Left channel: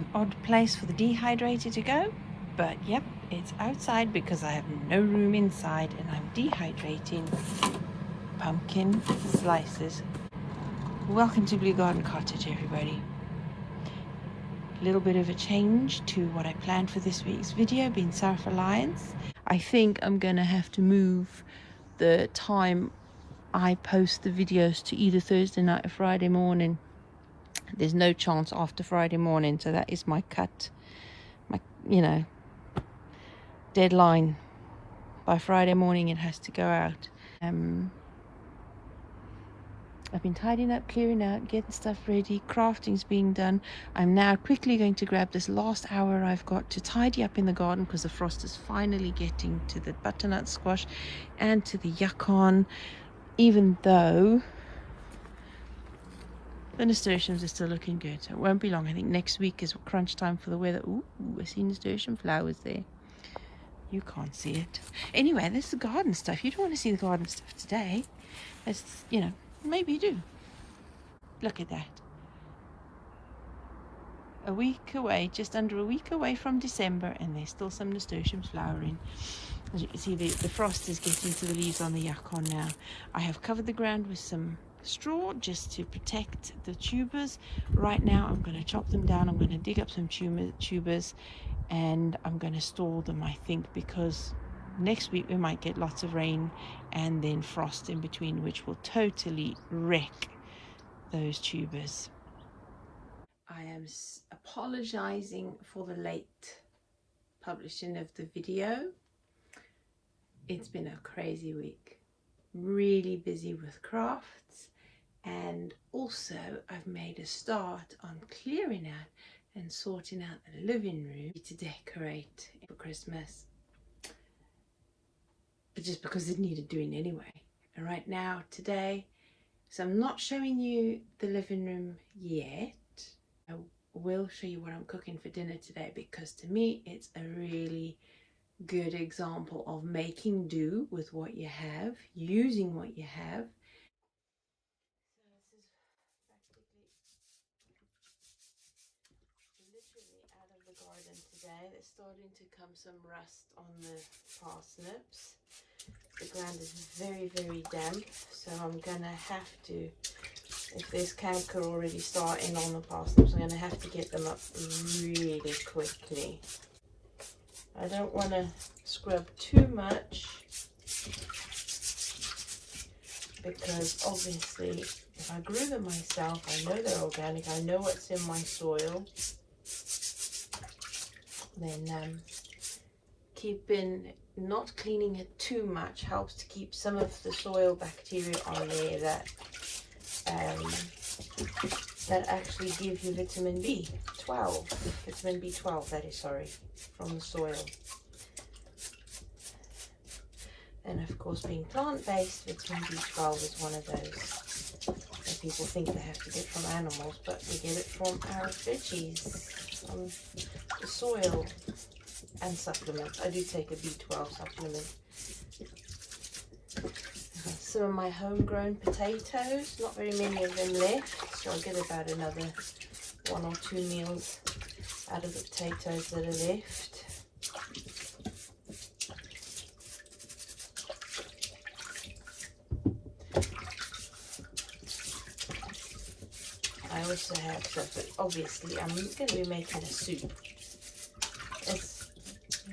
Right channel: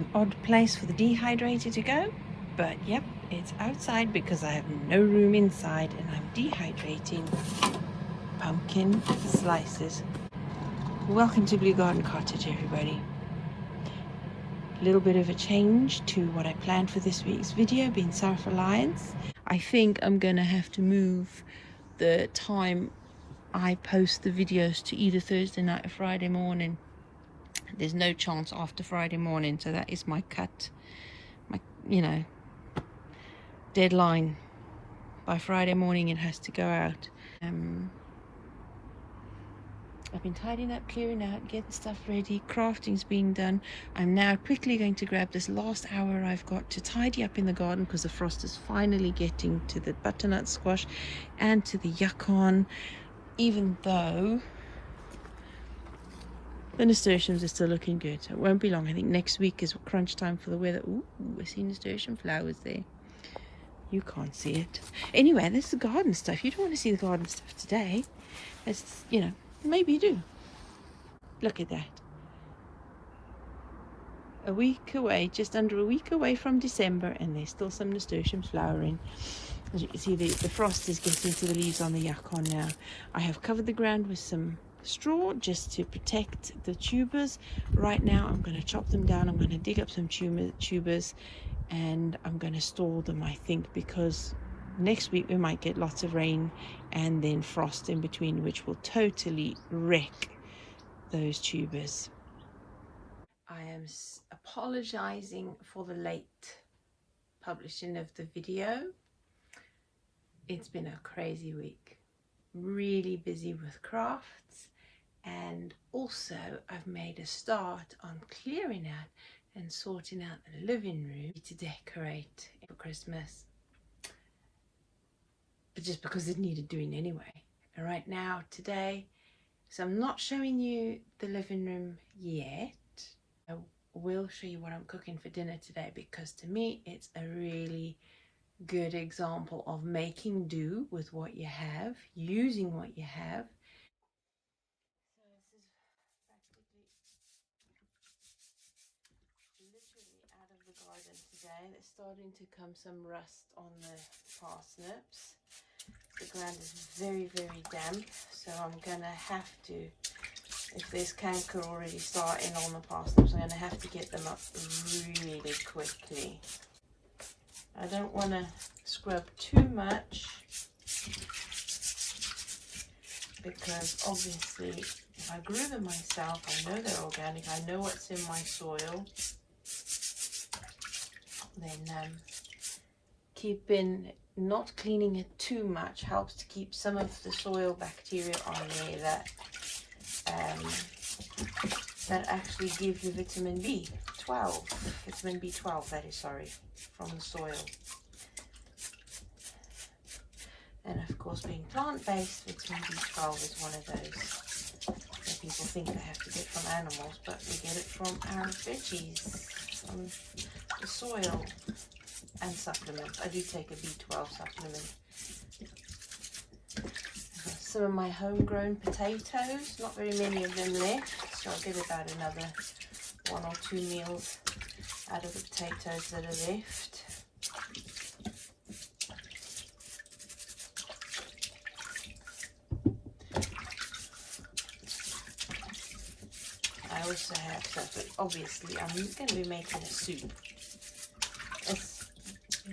an odd place for the dehydrator to go, but yep, it's outside because I have no room inside and I'm dehydrating pumpkin slices. Welcome to Blue Garden Cottage, everybody. A little bit of a change to what I planned for this week's video, being self-reliance. I think I'm gonna have to move the time I post the videos to either Thursday night or Friday morning. There's no chance after Friday morning, so that is my cut, my deadline. By Friday morning it has to go out. I've been tidying up, clearing out, getting stuff ready, crafting's being done. I'm now quickly going to grab this last hour I've got to tidy up in the garden because the frost is finally getting to the butternut squash and to the yacon, even though the nasturtiums are still looking good. So it won't be long. I think next week is crunch time for the weather. Ooh, I see nasturtium flowers there. You can't see it. Anyway, this is the garden stuff. You don't want to see the garden stuff today. It's, maybe you do. Look at that. A week away, just under a week away from December, and there's still some nasturtiums flowering. As you can see, the frost is getting to the leaves on the yacon now. I have covered the ground with some straw just to protect the tubers. Right now I'm going to chop them down. I'm going to dig up some tubers and I'm going to store them, I think, because next week we might get lots of rain and then frost in between, which will totally wreck those tubers. I am apologizing for the late publishing of the video. It's been a crazy week, really busy with crafts, and also I've made a start on clearing out and sorting out the living room to decorate for Christmas, but just because it needed doing anyway. And right now, today, so I'm not showing you the living room yet. I will show you what I'm cooking for dinner today, because to me it's a really good example of making do with what you have, using what you have. So this is practically literally out of the garden today. There's starting to come some rust on the parsnips. The ground is very, very damp, so I'm gonna have to, if there's canker already starting on the parsnips, I'm gonna have to get them up really quickly. I don't want to scrub too much, because obviously if I grew them myself, I know they're organic, I know what's in my soil, then not cleaning it too much helps to keep some of the soil bacteria on there that actually give you vitamin B12, that is, sorry, from the soil. And of course, being plant-based, vitamin B12 is one of those that people think they have to get from animals, but we get it from our veggies, from the soil, and supplements. I do take a B12 supplement. Some of my homegrown potatoes, not very many of them left, so I'll get about another 1 or 2 meals out of the potatoes that are left. I also have stuff, but obviously I'm going to be making a soup. It's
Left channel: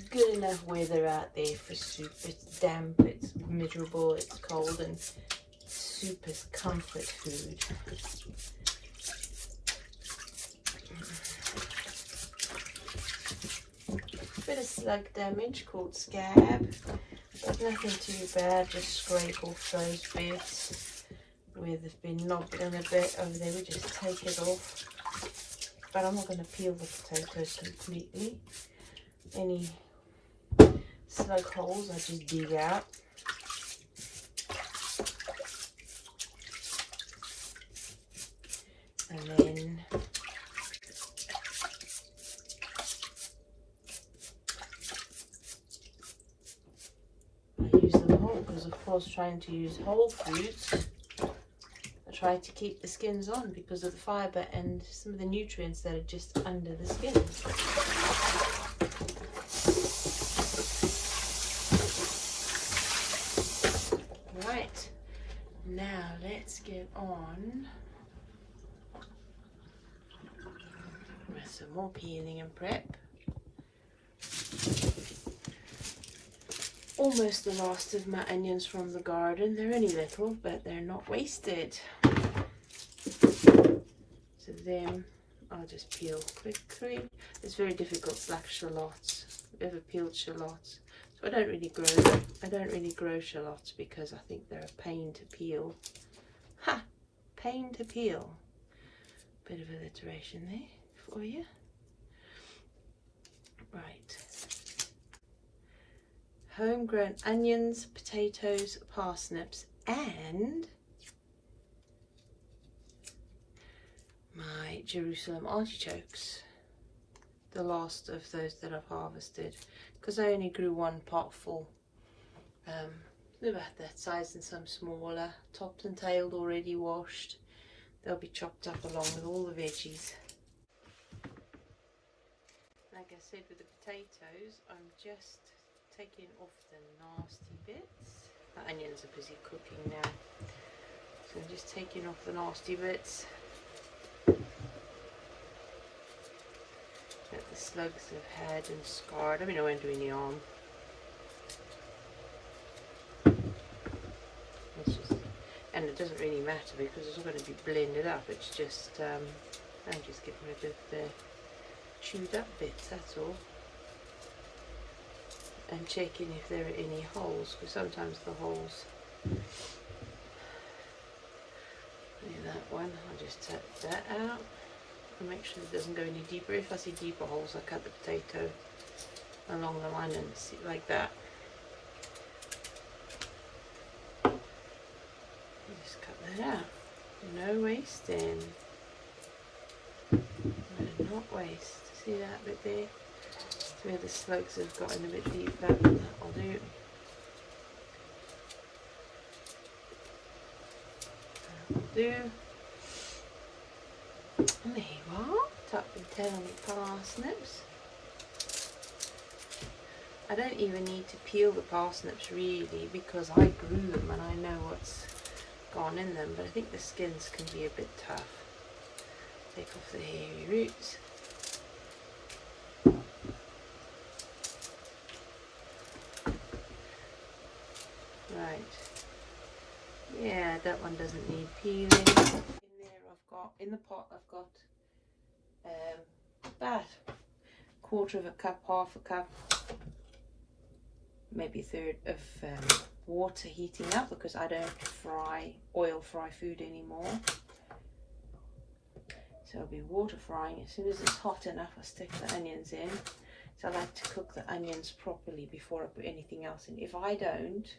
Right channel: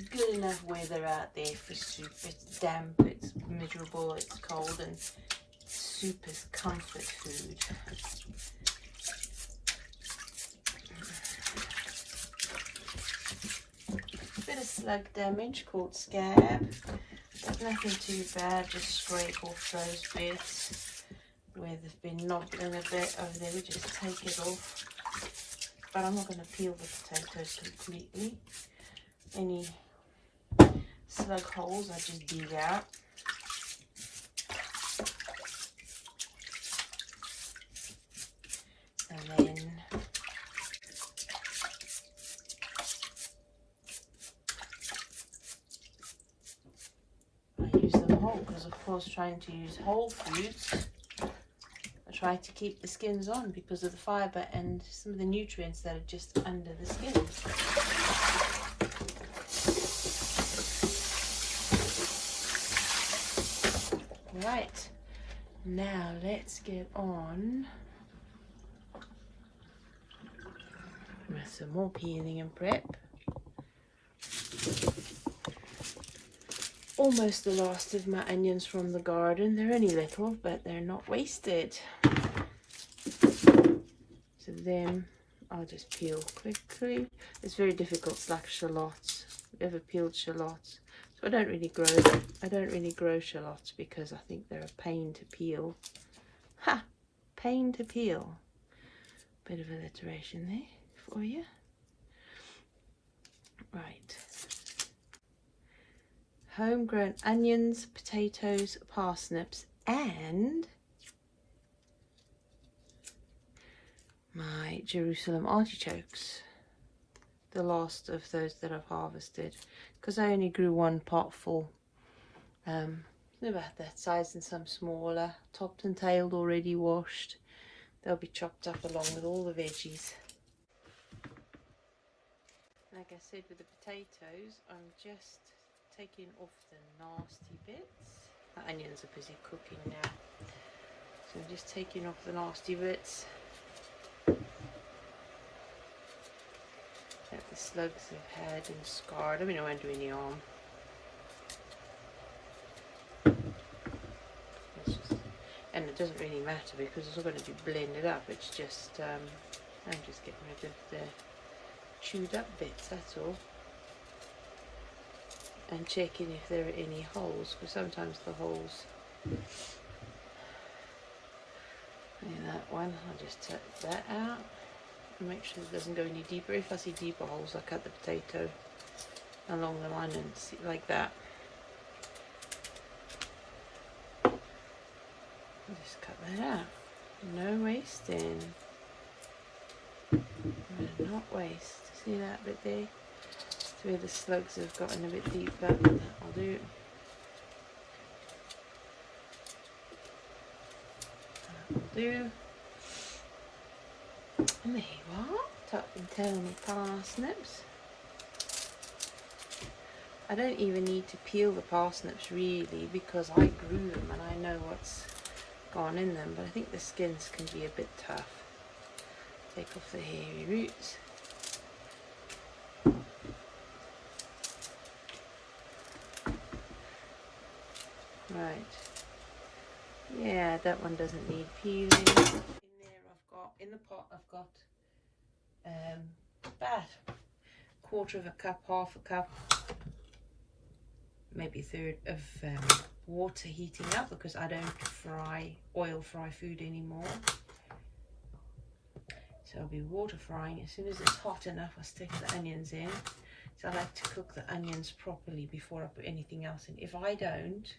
good enough weather out there for soup. It's damp, it's miserable, it's cold, and soup is comfort food. Bit of slug damage called scab, but nothing too bad, just scrape off those bits where they've been knocked in a bit over there. We just take it off, but I'm not going to peel the potatoes completely. Any slug holes I just dig out. And then I use them whole, because of course trying to use whole foods, try to keep the skins on because of the fibre and some of the nutrients that are just under the skins. Right, now let's get on with some more peeling and prep. Almost the last of my onions from the garden. They're only little, but they're not wasted. So then I'll just peel quickly. It's very difficult to like shallots. I've ever peeled shallots. So I don't really grow shallots because I think they're a pain to peel. Ha! Pain to peel. Bit of alliteration there for you. Right. Homegrown onions, potatoes, parsnips, and my Jerusalem artichokes. The last of those that I've harvested, because I only grew one pot full. They're about that size and some smaller, topped and tailed, already washed. They'll be chopped up along with all the veggies. Like I said with the potatoes, I'm just taking off the nasty bits. The onions are busy cooking now, so I'm just taking off the nasty bits that the slugs have had and scarred. I mean, I won't do any harm. And it doesn't really matter because it's all going to be blended up. It's just I'm just getting rid of the chewed up bits, that's all. And checking if there are any holes, because sometimes the holes, in that one, I'll just take that out and make sure it doesn't go any deeper. If I see deeper holes, I cut the potato along the line and see like that. Just cut that out. No wasting. No, not waste. See that bit there? Where the slugs have gotten a bit deeper. I'll do it. And there you are, tuck and turn parsnips. I don't even need to peel the parsnips really because I grew them and I know what's gone in them, but I think the skins can be a bit tough. Take off the hairy roots. Right, yeah, that one doesn't need peeling. In there in the pot I've got about quarter of a cup, half a cup, maybe a third of water heating up because I don't oil fry food anymore. So I'll be water frying. As soon as it's hot enough, I'll stick the onions in. So I like to cook the onions properly before I put anything else in. If I don't,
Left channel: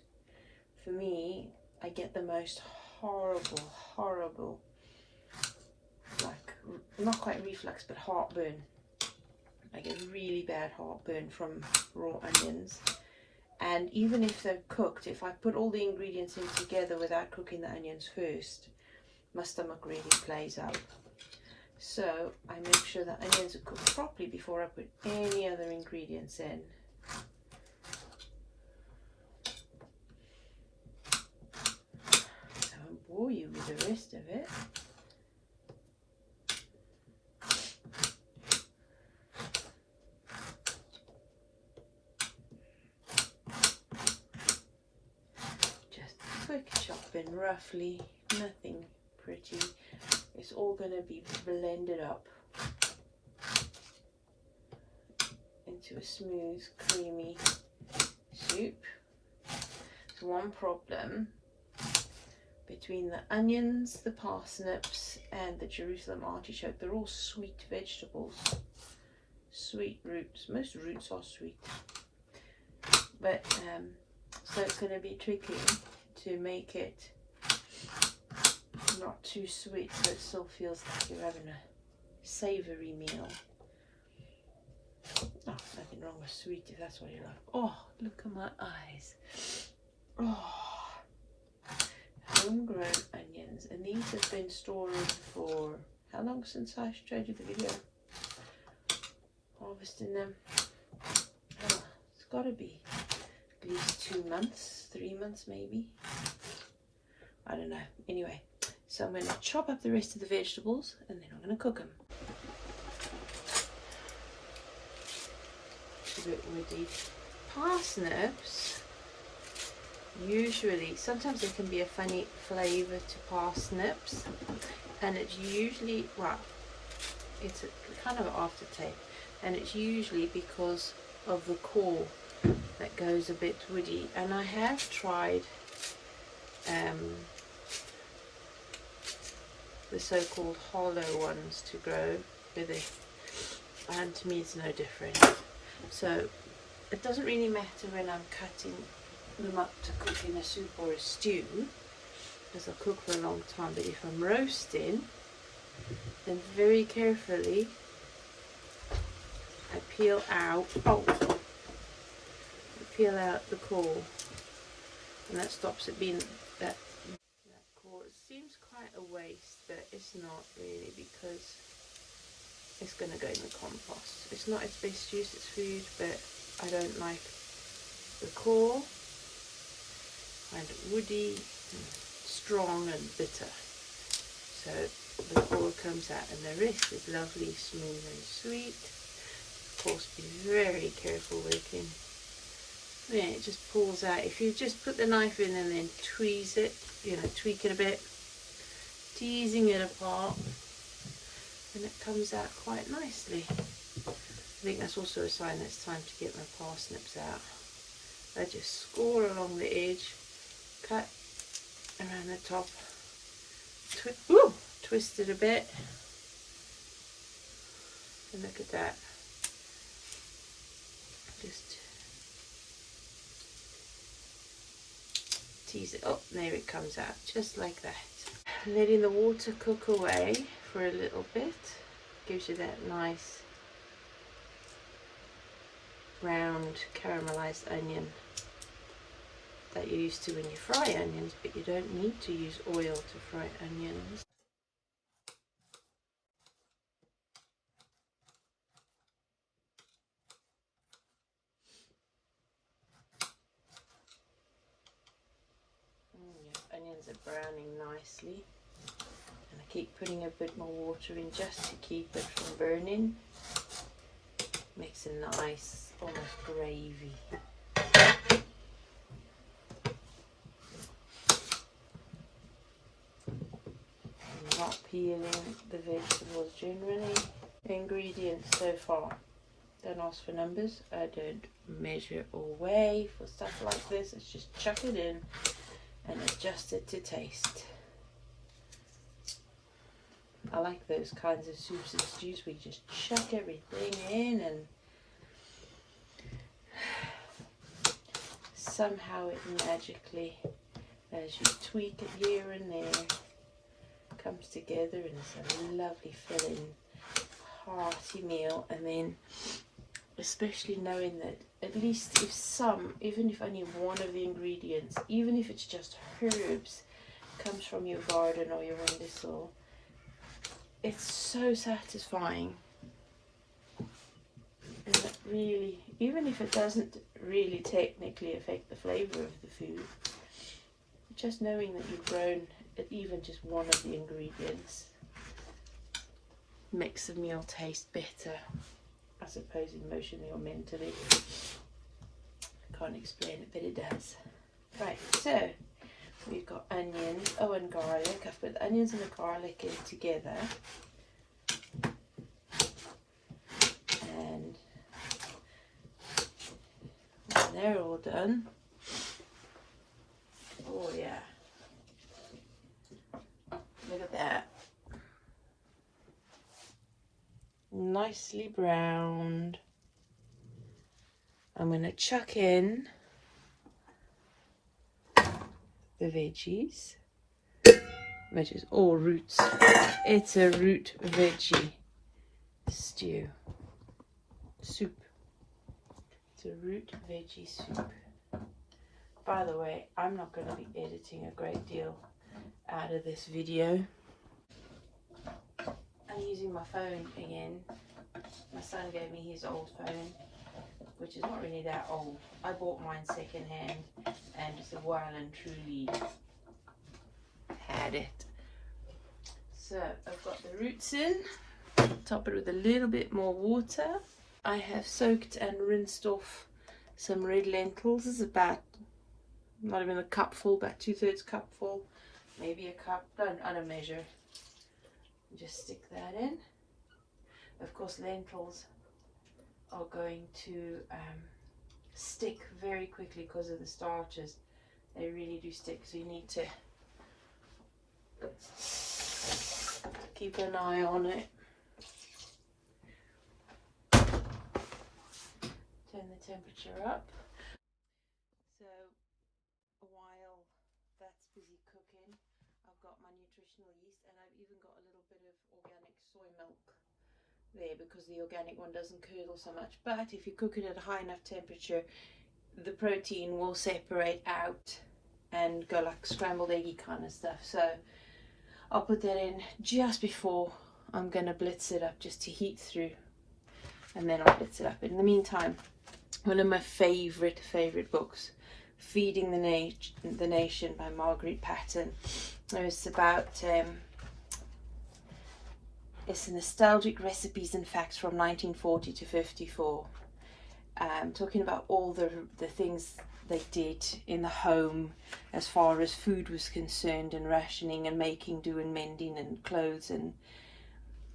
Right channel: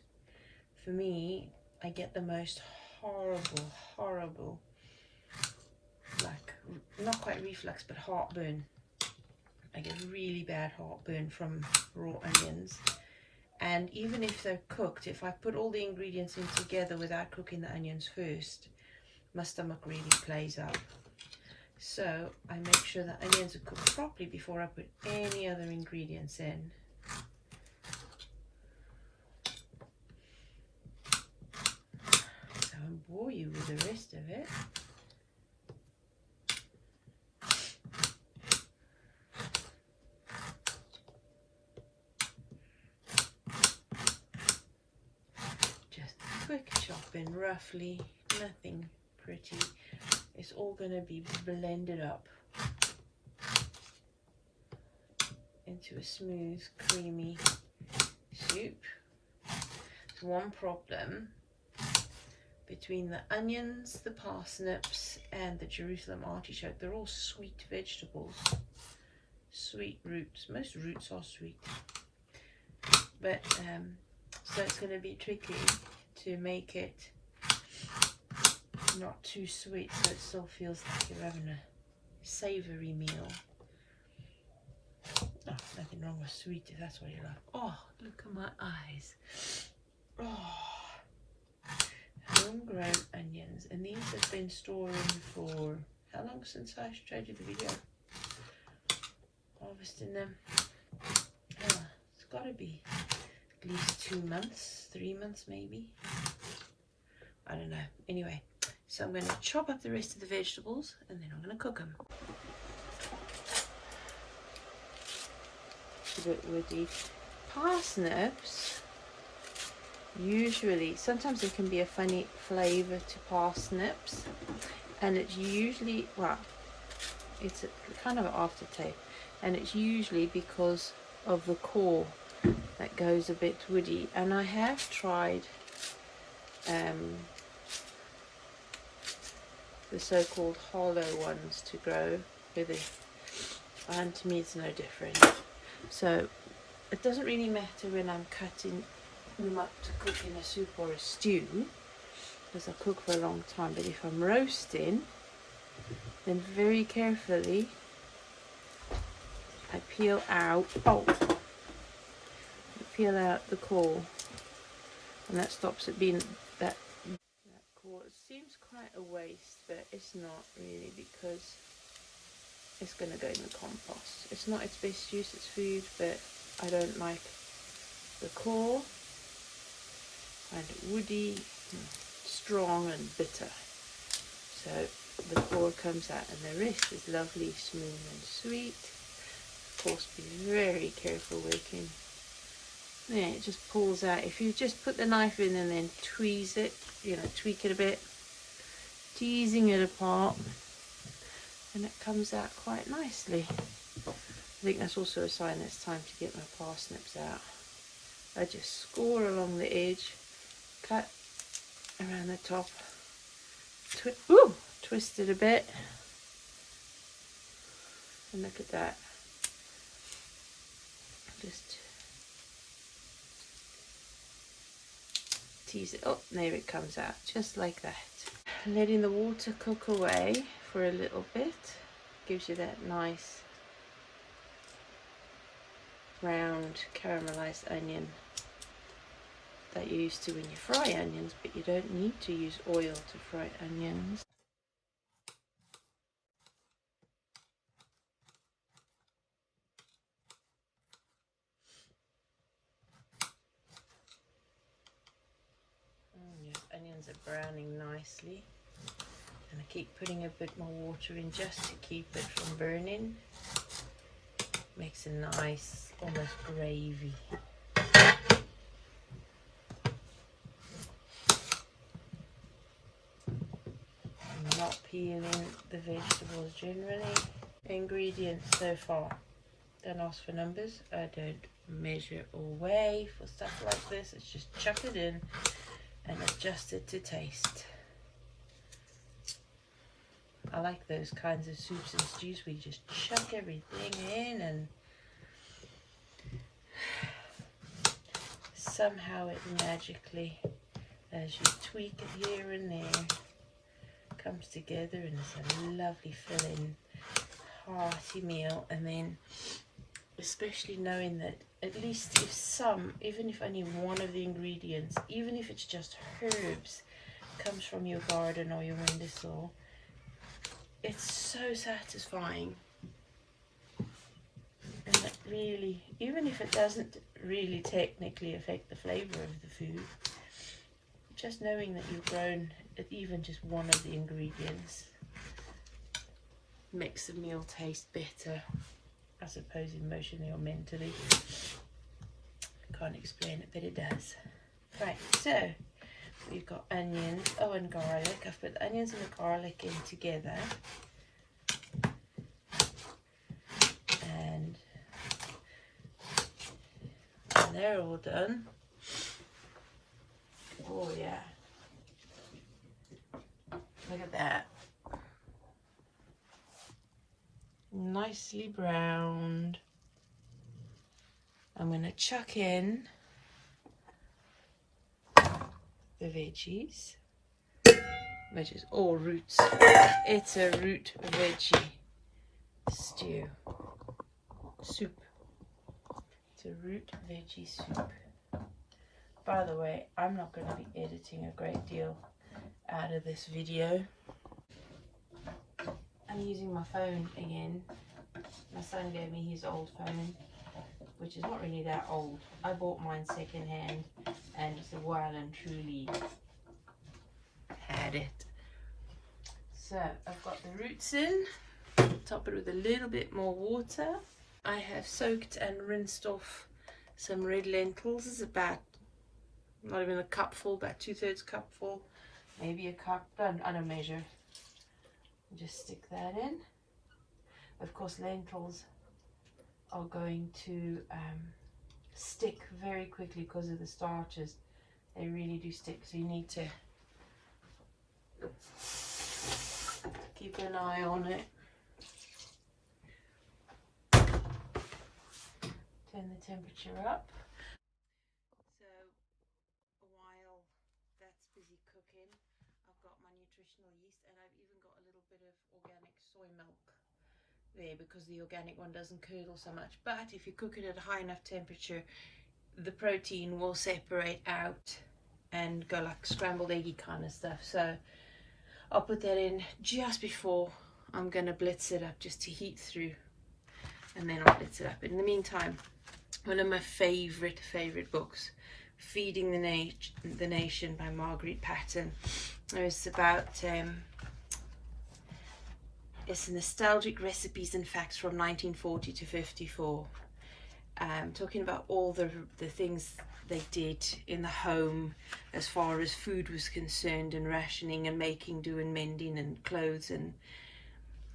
for me, I get the most horrible, like, not quite reflux, but heartburn. I get really bad heartburn from raw onions. And even if they're cooked, if I put all the ingredients in together without cooking the onions first, my stomach really plays up. So I make sure the onions are cooked properly before I put any other ingredients in. I won't bore you with the rest of it. Just a quick chopping, roughly, nothing pretty. It's all going to be blended up into a smooth, creamy soup. One problem between the onions, the parsnips, and the Jerusalem artichoke, they're all sweet vegetables, sweet roots. Most roots are sweet, but so it's going to be tricky to make it not too sweet, so it still feels like you're having a savoury meal. Oh, nothing wrong with sweet if that's what you like. Oh, look at my eyes. Oh, homegrown onions, and these have been storing for how long since I showed you the video? Harvesting them. It's got to be at least 2 months, 3 months maybe. I don't know. Anyway, so I'm going to chop up the rest of the vegetables and then I'm going to cook them. A bit woody. Parsnips, usually, sometimes there can be a funny flavour to parsnips, and it's usually, well, it's a kind of an aftertaste, and it's usually because of the core that goes a bit woody. And I have tried the so-called hollow ones to grow with it, and to me it's no different. So it doesn't really matter when I'm cutting them up to cook in a soup or a stew, because I cook for a long time. But if I'm roasting, then very carefully I peel out the core, and that stops it being that core. It seems quite a waste, but it's not really, because it's going to go in the compost. It's not its best use, it's food, but I don't like the core. I find it woody, strong and bitter. So the core comes out, and the rest is lovely, smooth and sweet. Of course, be very careful working. Yeah, it just pulls out. If you just put the knife in and then tweeze it, tweak it a bit, teasing it apart, and it comes out quite nicely. I think that's also a sign it's time to get my parsnips out. I just score along the edge, cut around the top, twist it a bit, and look at that. Just tease it up, there it comes out, just like that. Letting the water cook away for a little bit gives you that nice round caramelized onion that you're used to when you fry onions, but you don't need to use oil to fry onions. Yes, onions are browning nicely, and I keep putting a bit more water in just to keep it from burning. Makes a nice, almost gravy. I'm not peeling the vegetables generally. Ingredients so far. Don't ask for numbers. I don't measure or weigh for stuff like this. It's just chuck it in and adjust it to taste. I like those kinds of soups and stews where you just chuck everything in, and somehow it magically, as you tweak it here and there, comes together, and it's a lovely filling, hearty meal. And then especially knowing that at least even if only one of the ingredients, even if it's just herbs, comes from your garden or your windowsill, it's so satisfying. It really, even if it doesn't really technically affect the flavour of the food, just knowing that you've grown even just one of the ingredients makes the meal taste better, I suppose, emotionally or mentally. Can't explain it, but it does. Right, so we've got onions, and garlic. I've put the onions and the garlic in together, and when they're all done, oh yeah, look at that, nicely browned. I'm going to chuck in the veggies, which is all roots. It's a root veggie stew, soup. It's a root veggie soup. By the way, I'm not going to be editing a great deal out of this video. I'm using my phone again. My son gave me his old phone, which is not really that old. I bought mine secondhand and it's well and truly had it. So I've got the roots in, top it with a little bit more water. I have soaked and rinsed off some red lentils. It's about, not even a cupful, about 2/3 cupful, maybe a cup. I don't measure. Just stick that in. Of course, lentils are going to stick very quickly because of the starches. They really do stick, so you need to keep an eye on it. Turn the temperature up. So while that's busy cooking, I've got my nutritional yeast, and I've even got a little bit of organic soy milk there because the organic one doesn't curdle so much. But if you cook it at a high enough temperature, the protein will separate out and go like scrambled eggy kind of stuff. So I'll put that in just before I'm going to blitz it up, just to heat through, and then I'll blitz it up. In the meantime, one of my favorite books, Feeding the Nation by Margaret Patton. It's about it's nostalgic recipes and facts from 1940 to 54, talking about all the things they did in the home as far as food was concerned, and rationing and making do and mending and clothes, and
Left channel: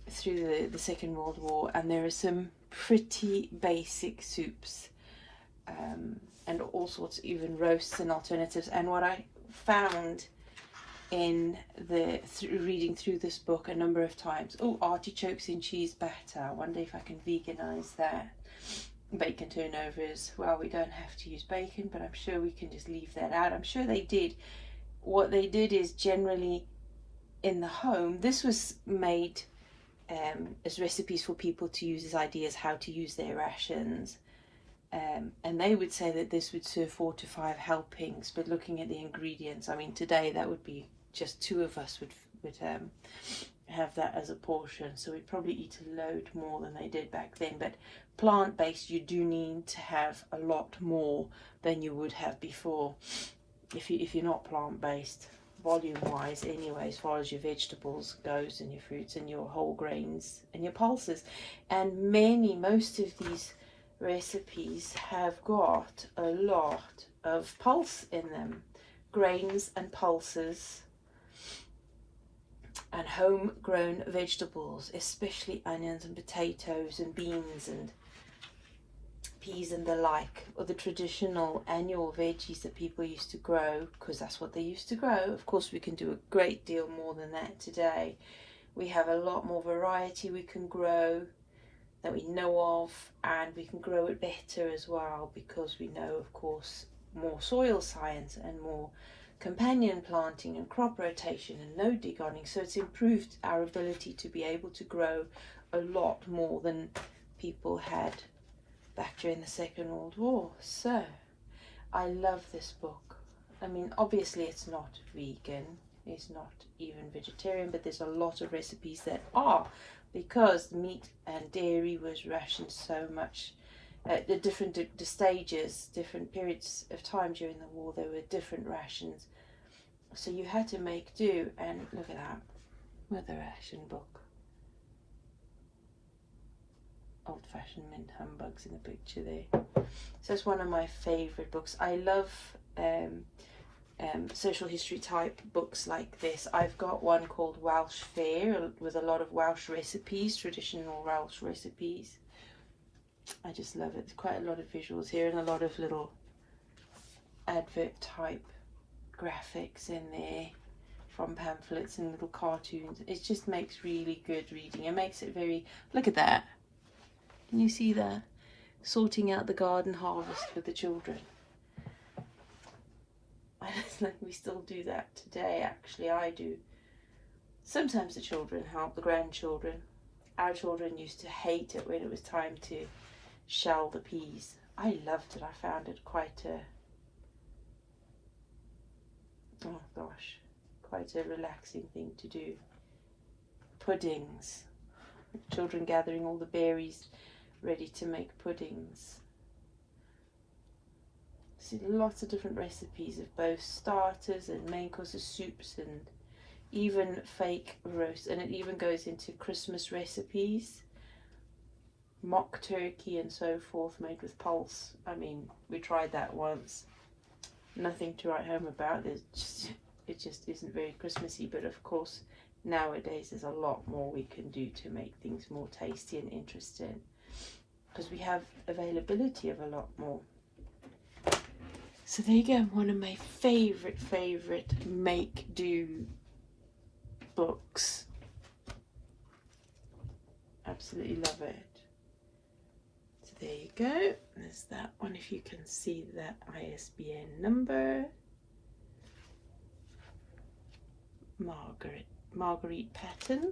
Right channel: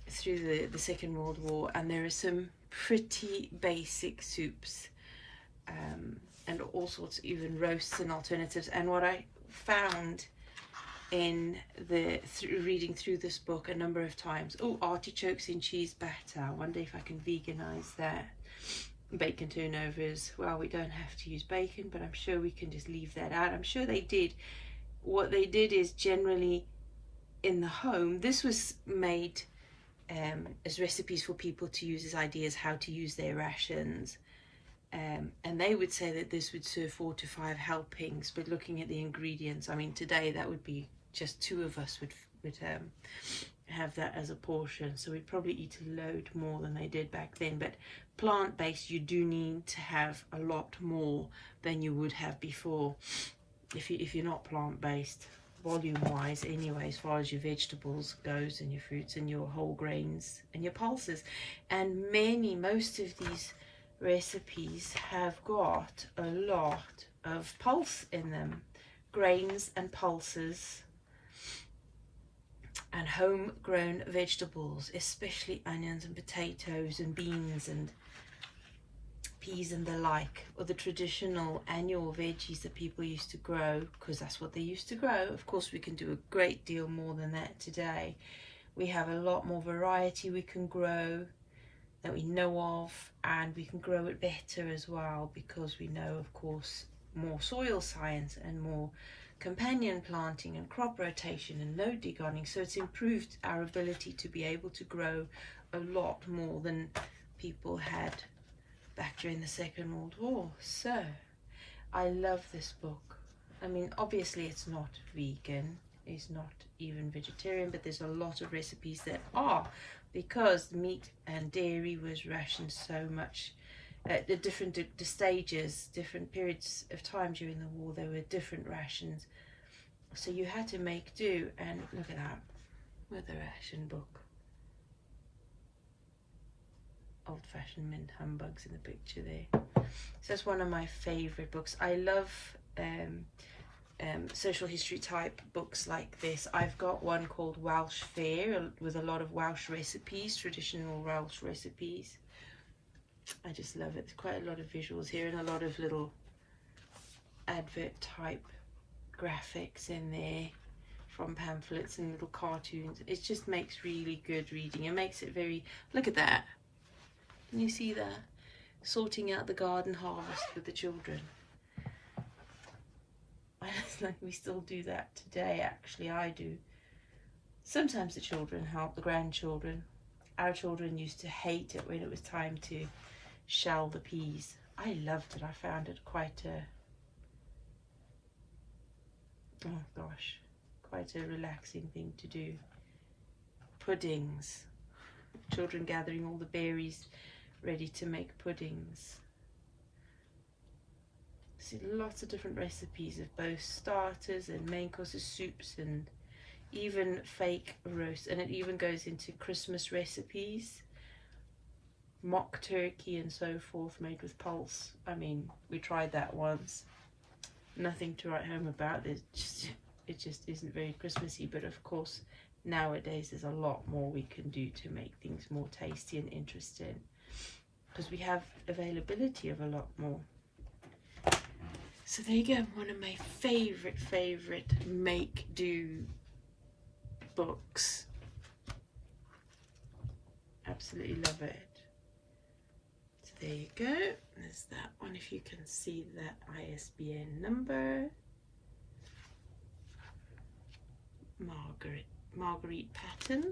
through the Second World War. And there are some pretty basic soups, and all sorts, even roasts and alternatives. And what I found in reading through this book a number of times, artichokes in cheese batter, I wonder if I can veganize that. Bacon turnovers, well, we don't have to use bacon, but I'm sure we can just leave that out. I'm sure they did. What they did is, generally in the home, this was made as recipes for people to use as ideas how to use their rations, and they would say that this would serve 4 to 5 helpings. But looking at the ingredients, I mean, today that would be just 2 of us would have that as a portion, so we'd probably eat a load more than they did back then. But plant-based, you do need to have a lot more than you would have before if you're not plant-based, volume-wise anyway, as far as your vegetables goes, and your fruits and your whole grains and your pulses. And most of these recipes have got a lot of pulse in them, grains and pulses, and homegrown vegetables, especially onions and potatoes and beans and peas and the like, or the traditional annual veggies that people used to grow, because that's what they used to grow. Of course, we can do a great deal more than that today. We have a lot more variety we can grow that we know of, and we can grow it better as well, because we know, of course, more soil science and more companion planting and crop rotation and no degoning. So it's improved our ability to be able to grow a lot more than people had back during the Second World War. So I love this book. I mean, obviously it's not vegan, it's not even vegetarian, but there's a lot of recipes that are, because meat and dairy was rationed so much at the different stages, different periods of time during the war. There were different rations, so you had to make do. And look at that, with the ration book. Old-fashioned mint humbugs in the picture there. So it's one of my favorite books. I love social history type books like this. I've got one called Welsh Fare with a lot of Welsh recipes, traditional Welsh recipes. I just love it. Quite a lot of visuals here and a lot of little advert type graphics in there from pamphlets and little cartoons. It just makes really good reading. It makes it very, look at that. Can you see that? Sorting out the garden harvest with the children. I just like, we still do that today. Actually, I do. Sometimes the children help, the grandchildren. Our children used to hate it when it was time to shell the peas. I loved it. I found it quite quite a relaxing thing to do. Puddings. Children gathering all the berries ready to make puddings. See lots of different recipes of both starters and main courses, soups, and even fake roast, and it even goes into Christmas recipes, mock turkey and so forth, made with pulse. I mean, we tried that once. Nothing to write home about. It just isn't very Christmassy, but of course nowadays there's a lot more we can do to make things more tasty and interesting, because we have availability of a lot more. So there you go, one of my favorite make do books. Absolutely love it. So there you go, there's that one, if you can see that ISBN number. Marguerite Patton,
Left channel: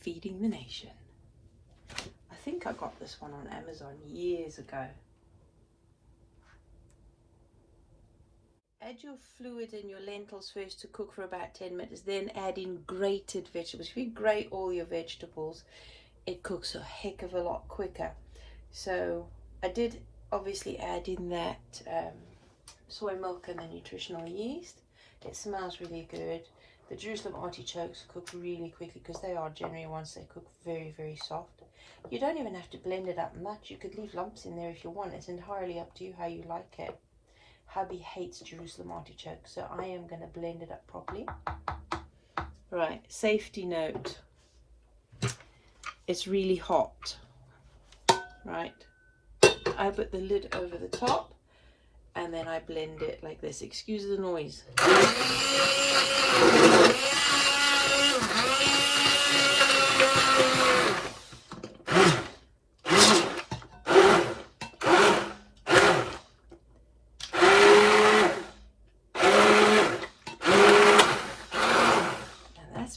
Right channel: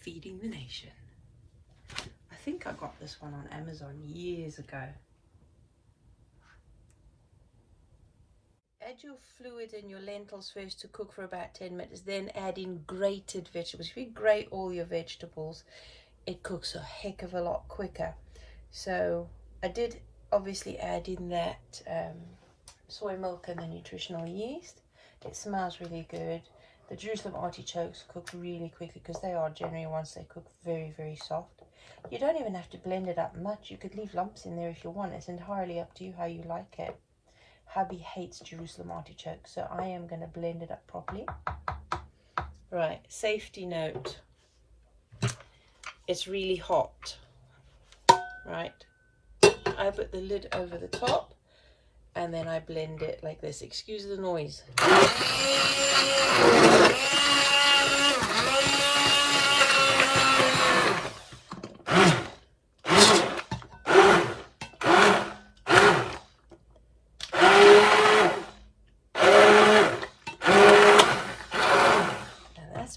Feeding the Nation. I think I got this one on Amazon years ago. Add your fluid and your lentils first to cook for about 10 minutes, then add in grated vegetables. If you grate all your vegetables, it cooks a heck of a lot quicker. So I did obviously add in that soy milk and the nutritional yeast. It smells really good. The Jerusalem artichokes cook really quickly because they are generally ones they cook very soft. You don't even have to blend it up much. You could leave lumps in there if you want. It's entirely up to you how you like it. Hubby hates Jerusalem artichoke, so I am going to blend it up properly. Right, safety note. It's really hot. Right. I put the lid over the top and then I blend it like this. Excuse the noise.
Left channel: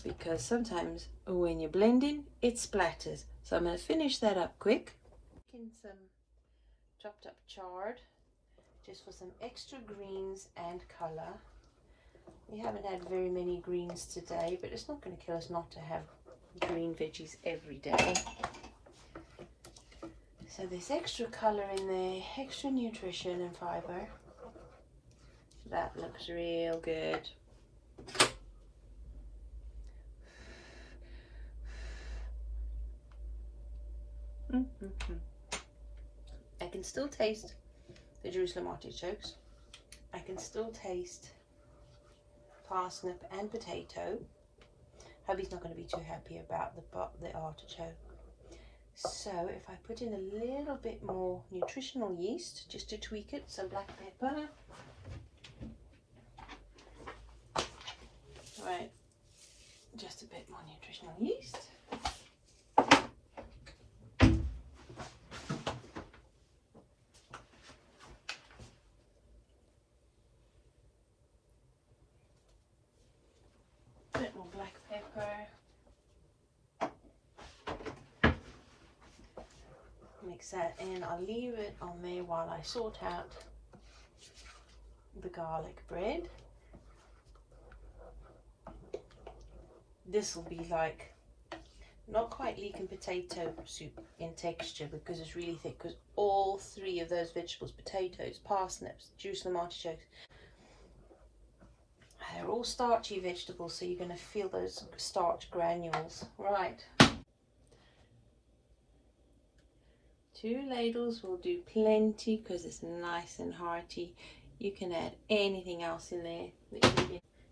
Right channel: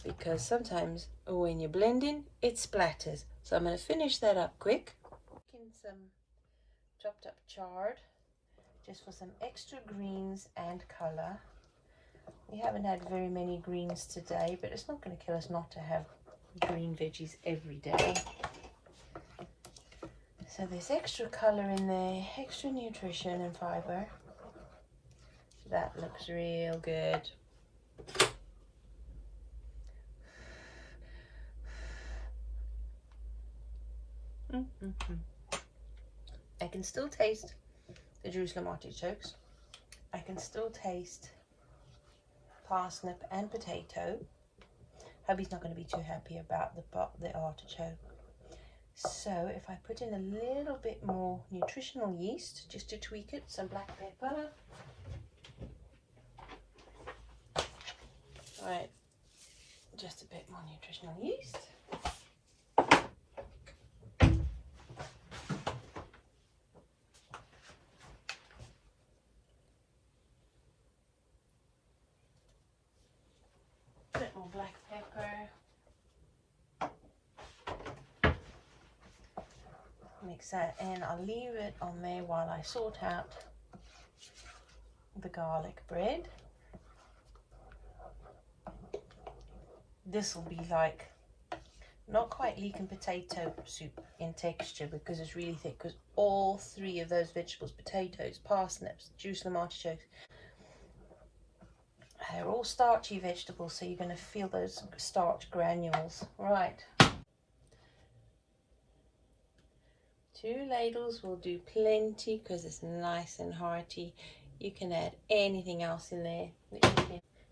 Because sometimes when you're blending, it splatters. So I'm going to finish that up quick. In some chopped up chard, just for some extra greens and colour. We haven't had very many greens today, but it's not going to kill us not to have green veggies every day. So there's extra colour in there, extra nutrition and fibre. That looks real good. I can still taste the Jerusalem artichokes. I can still taste parsnip and potato. Hubby's not going to be too happy about the artichoke. So if I put in a little bit more nutritional yeast, just to tweak it, some black pepper. Right, just a bit more nutritional yeast. Bit more black pepper. Mix that in. I'll leave it on there while I sort out the garlic bread. This will be like not quite leek and potato soup in texture because it's really thick, because all three of those vegetables, potatoes, parsnips, Jerusalem artichokes, they're all starchy vegetables, so you're going to feel those starch granules. Right. 2 ladles will do plenty because it's nice and hearty. You can add anything else in there.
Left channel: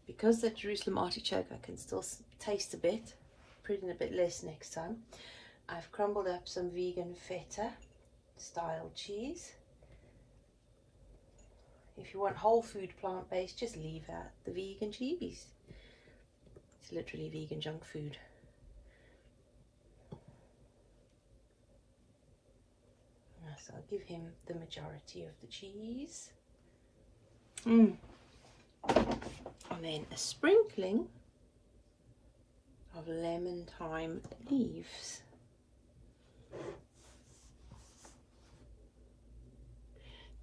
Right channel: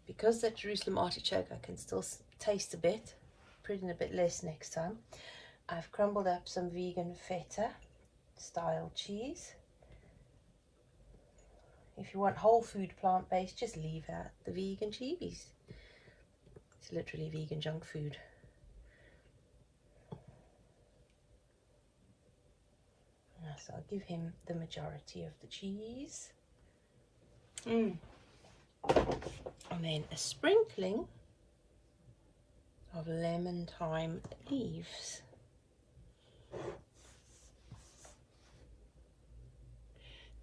Because that Jerusalem artichoke I can still taste a bit. Put in a bit less next time. I've crumbled up some vegan feta style cheese. If you want whole food plant-based, just leave out the vegan cheese. It's literally vegan junk food. So I'll give him the majority of the cheese. And then a sprinkling of lemon thyme leaves.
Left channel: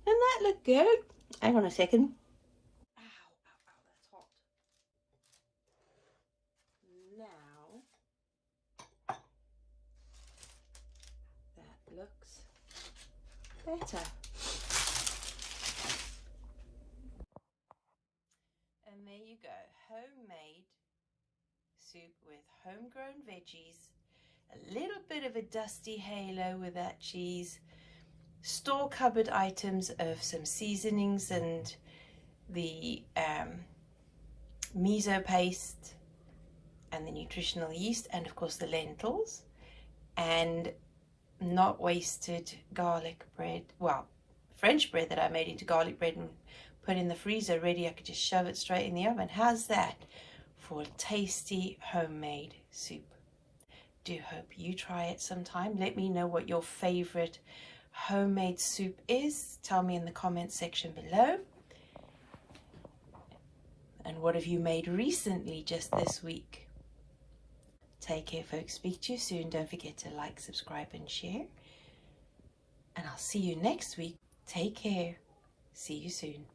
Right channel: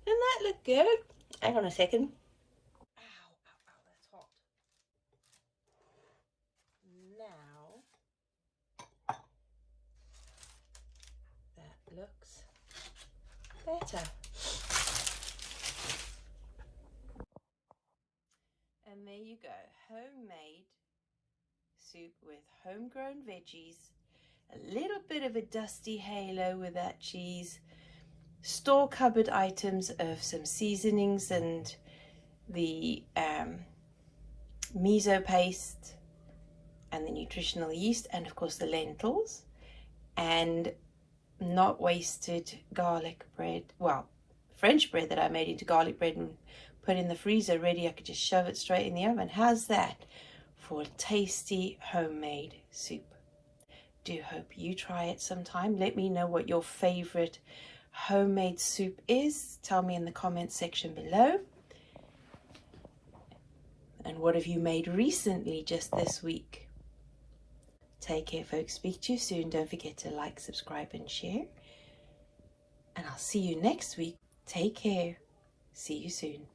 Doesn't that look good? Hang on a second. Ow, that's hot. better. And there you go, homemade soup with homegrown veggies, a little bit of a dusty halo with that cheese, store cupboard items of some seasonings and the miso paste and the nutritional yeast, and of course the lentils, and not wasted garlic bread, well, French bread that I made into garlic bread and put in the freezer ready. I could just shove it straight in the oven. How's that for a tasty homemade soup? Do hope you try it sometime. Let me know what your favorite homemade soup is. Tell me in the comments section below. And what have you made recently, just this week? Take care, folks. Speak to you soon. Don't forget to like, subscribe, and share. And I'll see you next week. Take care. See you soon.